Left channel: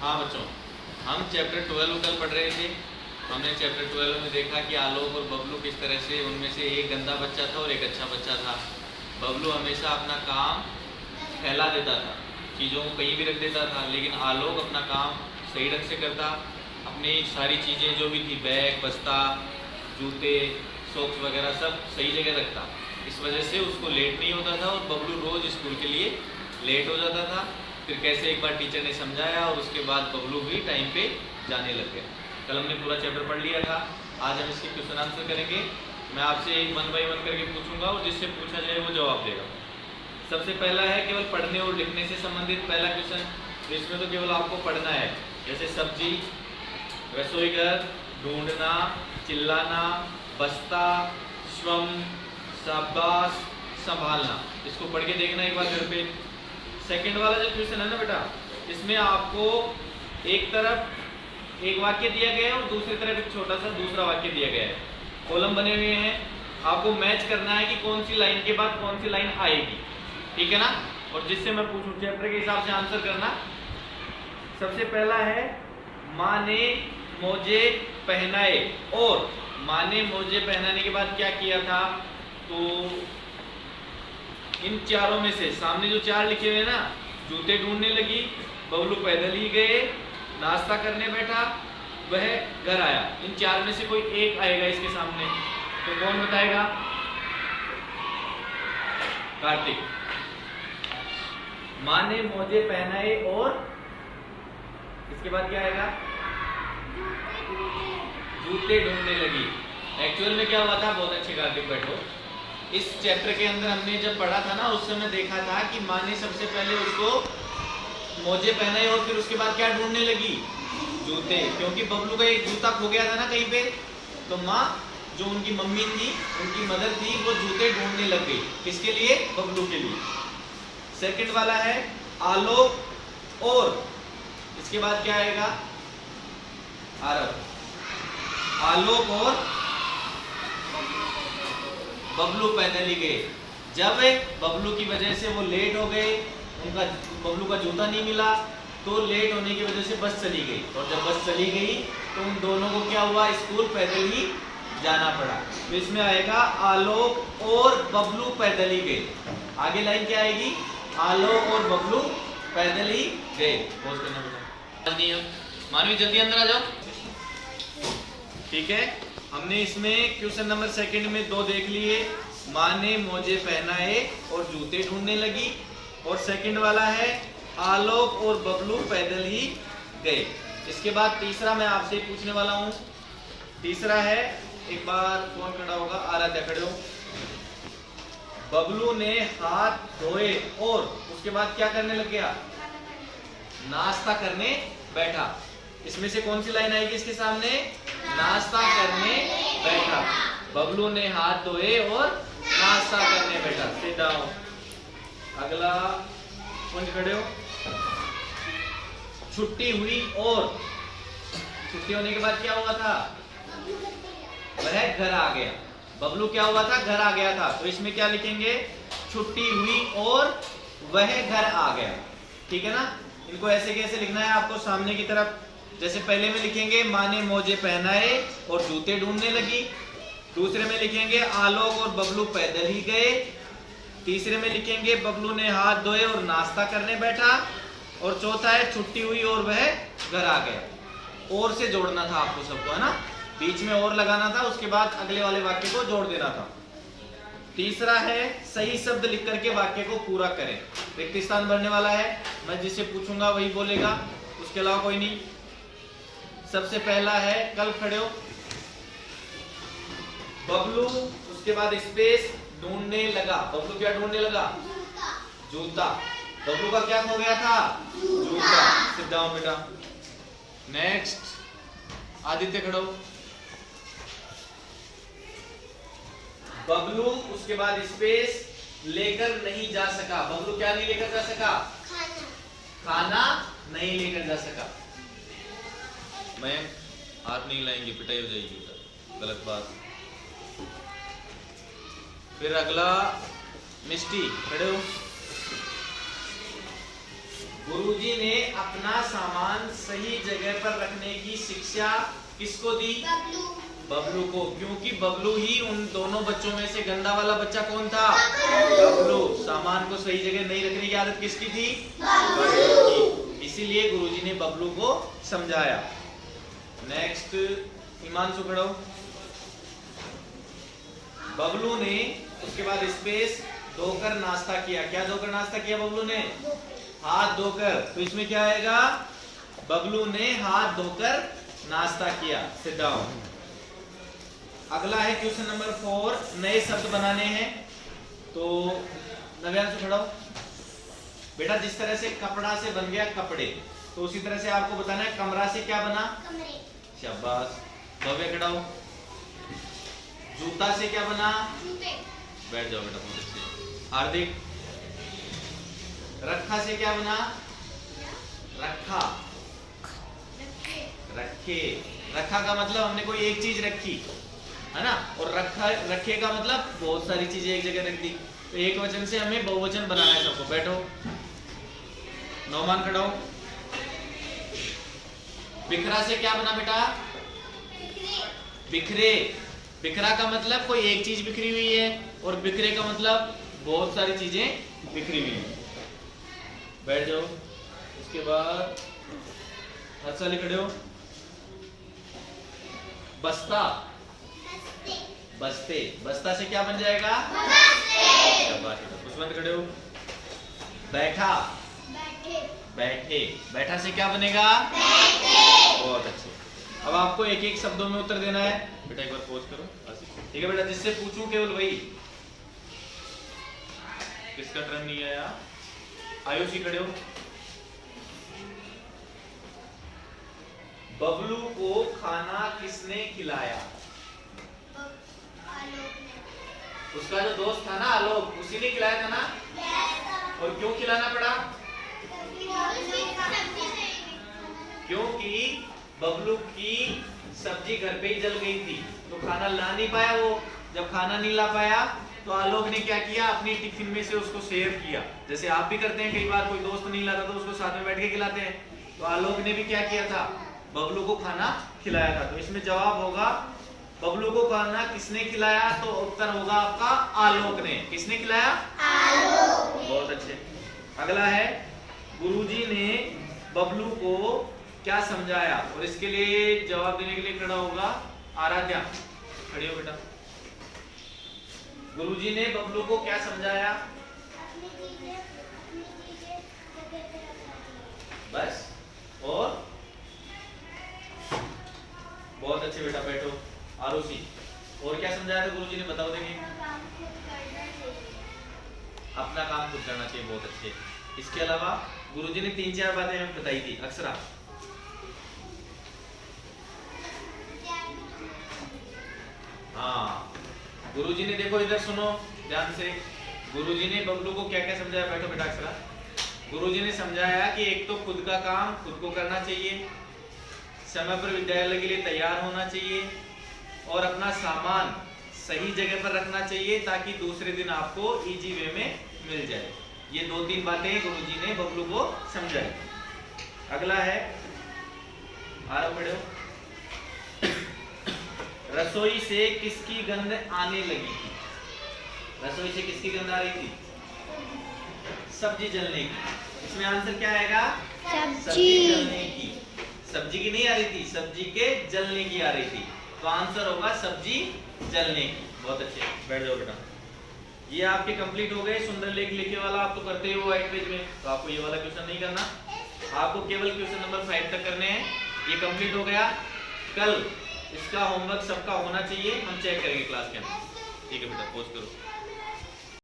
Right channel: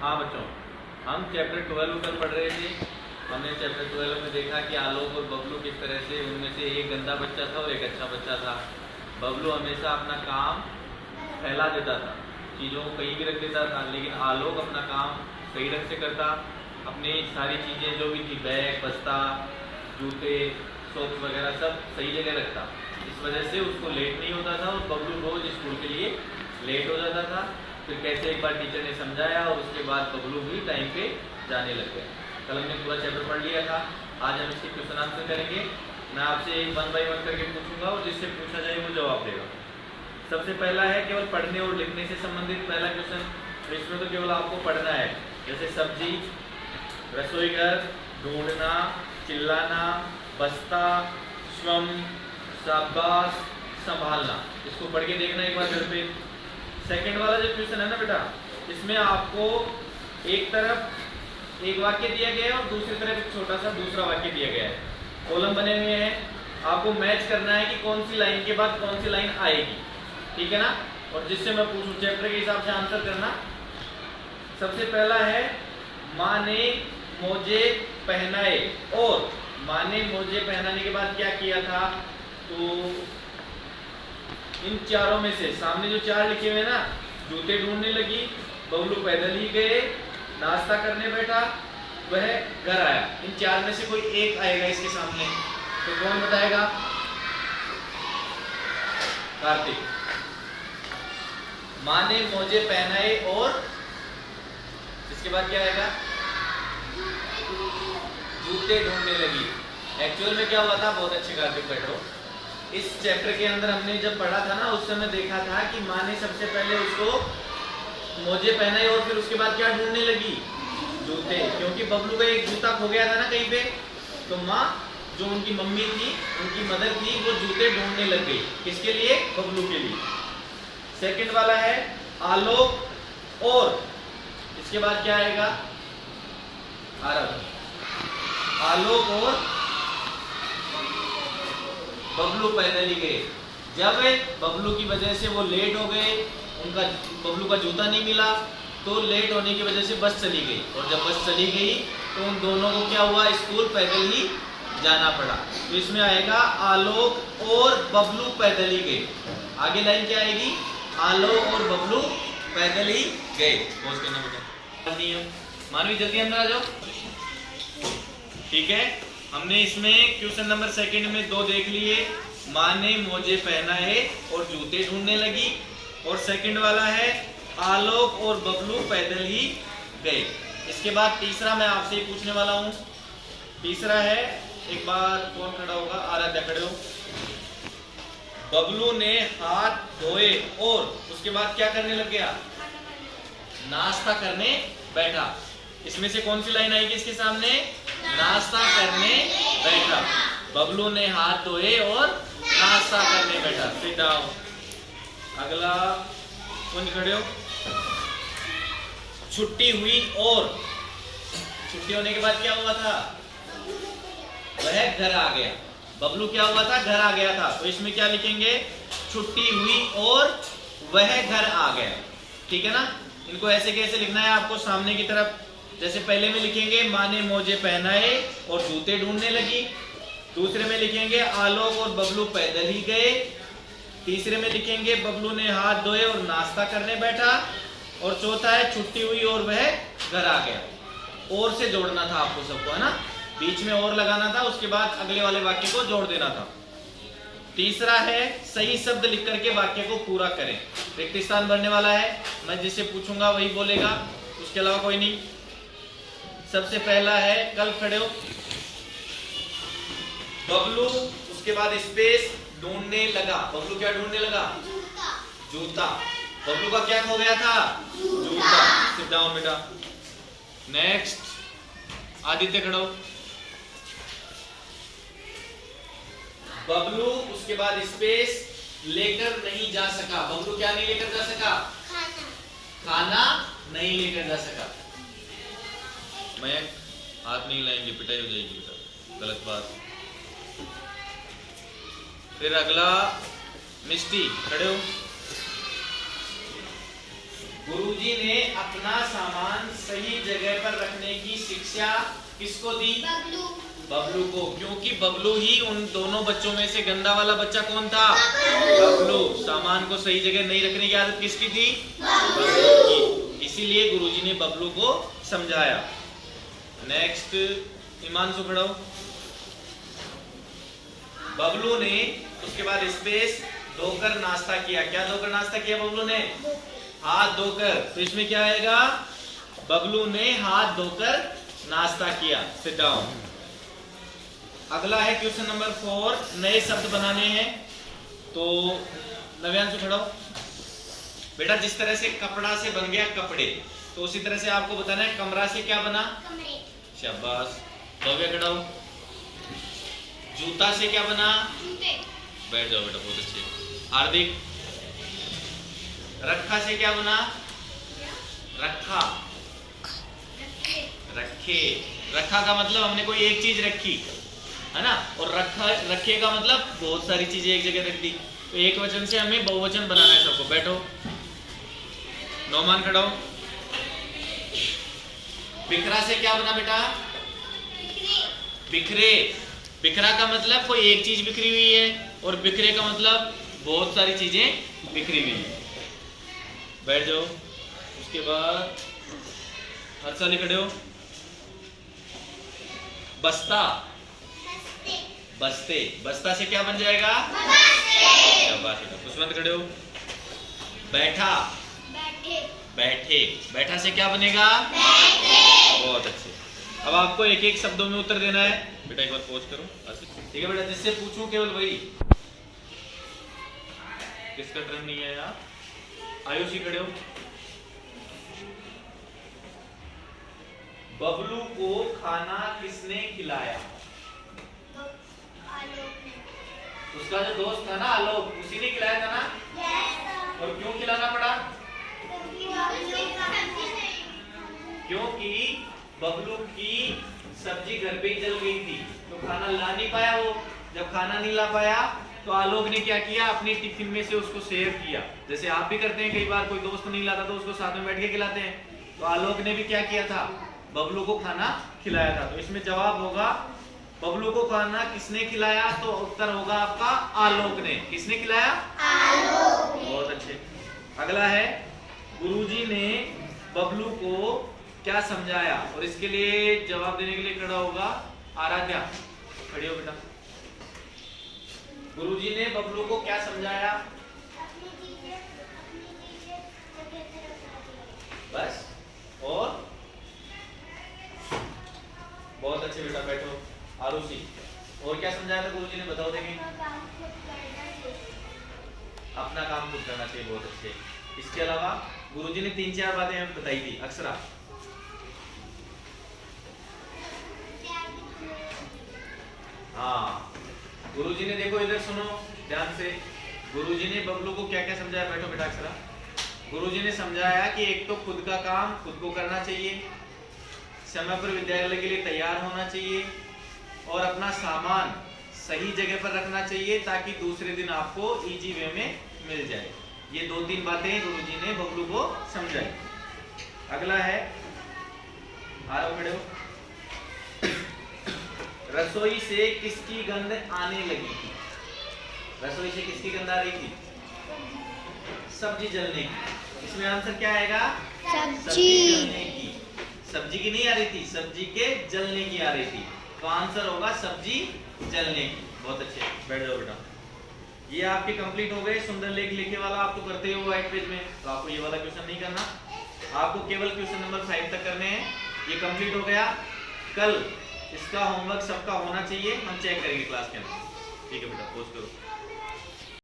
हाँ बच्चों, हम चैप्टर 12 कल पढ़ रहे थे। हमने चैप्टर 12 में देखा कि आलोक और बबलू किस तरह से, उनमें से एक गंदा बच्चा था और एक अच्छा बच्चा था। बबलू हमेशा अपना काम फैला देता था, चीज़ों को कहीं भी रख देता था, लेकिन आलोक अपना काम सही ढंग से करता। अपनी सारी चीज़ें जो भी थी, बैग, बस्ता, जूते, सॉक्स वगैरह सब सही जगह रखता। इस वजह से उसको लेट नहीं होता था और बबलू रोज़ स्कूल के लिए लेट हो जाता था। फिर कैसे एक बार टीचर ने समझाया और उसके बाद बबलू भी टाइम पे जाने लग गया। कल हमने पूरा चैप्टर पढ़ लिया था। आज हम इसके क्वेश्चन आंसर करेंगे। मैं आपसे 1 बाय 1 करके पूछूंगा और जिससे पूछा जाए वो जवाब देगा। सबसे पहला है केवल पढ़ने और लिखने से संबंधित पहला क्वेश्चन। तो इसमें तो केवल आपको पढ़ना है, जैसे सब्जी, रसोई घर, ढूंढना, चिल्लाना, बस्ता, स्वम, शाबाश, संभालना। इसको पढ़ के देखना एक बार घर पे। सेकंड वाला जो क्वेश्चन है ना बेटा, इसमें आपको एक तरफ एक वाक्य दिया गया है और दूसरी तरफ एक छोटा सा दूसरा वाक्य दिया गया है। कॉलम बने हुए हैं, आपको मैच करना है कि कौन सी लाइन के बाद कौन सी लाइन आएगी, ठीक है ना। और जिससे मैं पूछूं चैप्टर के हिसाब से आंसर करना। सबसे पहला है माँ ने मोजे पहनाए, और माँ ने मोजे पहनाने के बाद क्या किया था। तो इन चारों में से सामने जो 4 लिखे हुए ना, जूते ढूंढने लगी, बबलू पैदल ही गए, नाश्ता करने बैठा, वह घर आया। इन 4 में से कोई एक आएगा इसके सामने, तो कौन बताएगा। कार्तिक। माँ ने मोजे पहनाए और इसके बाद क्या आएगा, जूते ढूंढने लगी। एक्चुअल में क्या हुआ था, बहुत अच्छे कार्तिक बैठो। इस चैप्टर के अंदर हमने जब पढ़ा था ना, उस समय देखा था कि माँ ने सबसे पहले उसको मोजे पहनाए और फिर उसके बाद क्या ढूंढने लगी, जूते। क्योंकि बबलू का एक जूता खो गया था ना कहीं पे, तो माँ जो उनकी मम्मी थी, उनकी मदर थी, वो जूते ढूंढने लग गई। किसके लिए, बबलू के लिए। सेकंड वाला है आलोक और इसके बाद क्या आएगा, आरव। आलोक और बबलू पैदल ही गए। जब बबलू की वजह से वो लेट हो गए, उनका बबलू का जूता नहीं मिला, तो लेट होने की वजह से बस चली गई। और जब बस चली गई तो उन दोनों को क्या हुआ, स्कूल पैदल ही जाना पड़ा। तो इसमें आएगा आलोक और बबलू पैदल ही गए। आगे लाइन क्या आएगी, आलोक और बबलू पैदल ही गए। पॉज करना बेटा। मानवी जल्दी अंदर आ जाओ। ठीक है, हमने इसमें क्वेश्चन नंबर सेकंड में 2 देख लिए। माँ ने मोजे पहनाए और जूते ढूंढने लगी। और सेकंड वाला है आलोक और बबलू पैदल ही गए। इसके बाद तीसरा मैं आपसे ही पूछने वाला हूँ। तीसरा है, एक बार कौन खड़ा होगा, आराध्या खड़े हो। बबलू ने हाथ धोए और उसके बाद क्या करने लग गया, नाश्ता करने बैठा। इसमें से कौन सी लाइन आएगी इसके सामने, नाश्ता करने बैठा। बबलू ने हाथ धोए और नाश्ता करने बैठा। Sit down. अगला कौन खड़े हो। छुट्टी हुई और छुट्टी होने के बाद क्या हुआ था, वह घर आ गया। बबलू क्या हुआ था, घर आ गया था। तो इसमें क्या लिखेंगे, छुट्टी हुई और वह घर आ गया। ठीक है ना। इनको ऐसे कैसे लिखना है आपको, सामने की तरफ। जैसे पहले में लिखेंगे माँ ने मोजे पहनाए और जूते ढूंढने लगी। दूसरे में लिखेंगे आलोक और बबलू पैदल ही गए। तीसरे में लिखेंगे बबलू ने हाथ धोए और नाश्ता करने बैठा। और चौथा है छुट्टी हुई और वह घर आ गया। और से जोड़ना था आपको सबको, है ना। बीच में और लगाना था, उसके बाद अगले वाले वाक्य को जोड़ देना था। तीसरा है सही शब्द लिख करके वाक्य को पूरा करें। रिक्त स्थान भरने वाला है, मैं जिससे पूछूंगा वही बोलेगा, उसके अलावा कोई नहीं। सबसे पहला है, कल खड़े हो। बबलू, उसके बाद स्पेस, ढूंढने लगा। बबलू क्या ढूंढने लगा, जूता। बबलू का क्या खो गया था, जूता। सिट डाउन बेटा। नेक्स्ट आदित्य खड़ो। बबलू, उसके बाद स्पेस, लेकर नहीं जा सका। बबलू क्या नहीं लेकर जा सका, खाना नहीं लेकर जा सका। मैं हाथ नहीं लाएंगे, पिटाई हो जाएगी बेटा, गलत बात। फिर अगला मिस्टी, खड़े हो। गुरुजी ने अपना सामान सही जगह पर रखने की शिक्षा किसको दी? बबलू को। क्योंकि बबलू ही उन दोनों बच्चों में से गंदा वाला बच्चा कौन था? बबलू। सामान को सही जगह नहीं रखने की आदत किसकी थी? बबलू की। इसीलिए गुरुजी ने बबलू को समझाया। नेक्स्ट हिमांशु खड़ो। बबलू ने उसके बाद स्पेस धोकर नाश्ता किया। क्या धोकर नाश्ता किया बबलू ने? हाथ धोकर। तो इसमें क्या आएगा? बबलू ने हाथ धोकर नाश्ता किया। Sit down. अगला है क्वेश्चन नंबर 4। नए शब्द बनाने हैं। तो नव्यांशु खड़ो। बेटा जिस तरह से कपड़ा से बन गया कपड़े, तो उसी तरह से आपको बताना है कमरा से क्या बना? शाबाश। भव्य खड़ा हो। जूता से क्या बना? बैठ जाओ बेटा, बहुत अच्छे। हार्दिक। रखा से क्या बना? रखा। रखे। रखा का मतलब हमने कोई एक चीज रखी है ना, और रखे का मतलब बहुत सारी चीजें एक जगह रख दी। तो एक वचन से हमें बहुवचन बनाना है सबको। बैठो। नौमान खड़ा हो। बिखरा से क्या बना बेटा? बिखरे। बिखरा का मतलब कोई एक चीज बिखरी हुई है, और बिखरे का मतलब बहुत सारी चीजें बिखरी हुई है। बैठ जाओ। उसके बाद हर्षाली खड़े हो। बस्ता। बस्ते। बस्ता से क्या बन जाएगा? पुष्पवंत खड़े हो। बैठा। बैठे। बैठा से क्या बनेगा? बहुत अच्छे। अब आपको एक एक शब्दों में उत्तर देना है। बेटा एक बार पॉज करो। ठीक है बेटा, जिससे पूछूं केवल वही। किसका टर्न नहीं है यार? आयुषी खड़े हो। बबलू को खाना किसने खिलाया? उसका जो दोस्त था ना आलोक, उसी ने खिलाया था ना? और क्यों खिलाना पड़ा? क्योंकि बबलू की सब्जी घर पे ही जल गई थी, तो खाना ला नहीं पाया वो। जब खाना नहीं ला पाया तो आलोक ने क्या किया? अपनी टिफिन में से उसको शेयर किया। जैसे आप भी करते हैं, कई बार कोई दोस्त नहीं लाता तो उसको साथ में बैठ के खिलाते हैं। तो आलोक ने भी क्या किया था? बबलू को खाना खिलाया था। तो इसमें जवाब होगा बबलू को खाना किसने खिलाया? तो उत्तर होगा आपका आलोक ने। किसने खिलाया? आलोक। बहुत अच्छे। अगला है गुरुजी ने बबलू को क्या समझाया? और इसके लिए जवाब देने के लिए खड़ा होगा आराध्या। खड़ी हो बेटा। गुरुजी ने बबलू को क्या समझाया? बस। और बहुत अच्छे बेटा, बैठो। आरुषि, और क्या समझाया था गुरुजी ने? बताओ देंगे। अपना काम खुद करना चाहिए। बहुत अच्छे। इसके अलावा गुरुजी ने 3-4 बातें हमें बताई थी। अक्षरा। हाँ, गुरुजी ने देखो इधर सुनो ध्यान से। गुरुजी ने बबलू को क्या क्या समझाया? बैठो बेटा अक्षरा। गुरुजी ने समझाया कि एक तो खुद का काम खुद को करना चाहिए, समय पर विद्यालय के लिए तैयार होना चाहिए, और अपना सामान सही जगह पर रखना चाहिए ताकि दूसरे दिन आपको इजी वे में मिल जाए। ये 2-3 बातें गुरुजी ने बबलू को समझाई। अगला है आरव खड़े हो। रसोई से किसकी गंध आने लगी थी? रसोई से किसकी गंध आ रही थी? सब्जी जलने की। इसमें आंसर क्या आएगा? सब्जी जलने की। सब्जी की नहीं आ रही थी, सब्जी के जलने की आ रही थी। तो आंसर होगा सब्जी जलने की। बहुत अच्छे। बैठ जाओ बेटा। ये आपके कंप्लीट हो गए। सुंदर लेख लिखे वाला आप तो करते हो व्हाइट पेज में, तो आपको ये वाला क्वेश्चन नहीं करना। आपको केवल क्वेश्चन नंबर 5 तक करने हैं। ये कंप्लीट हो गया। कल इसका होमवर्क सबका होना चाहिए, हम चेक करेंगे क्लास के अंदर। ठीक है बेटा, पोस्ट करो।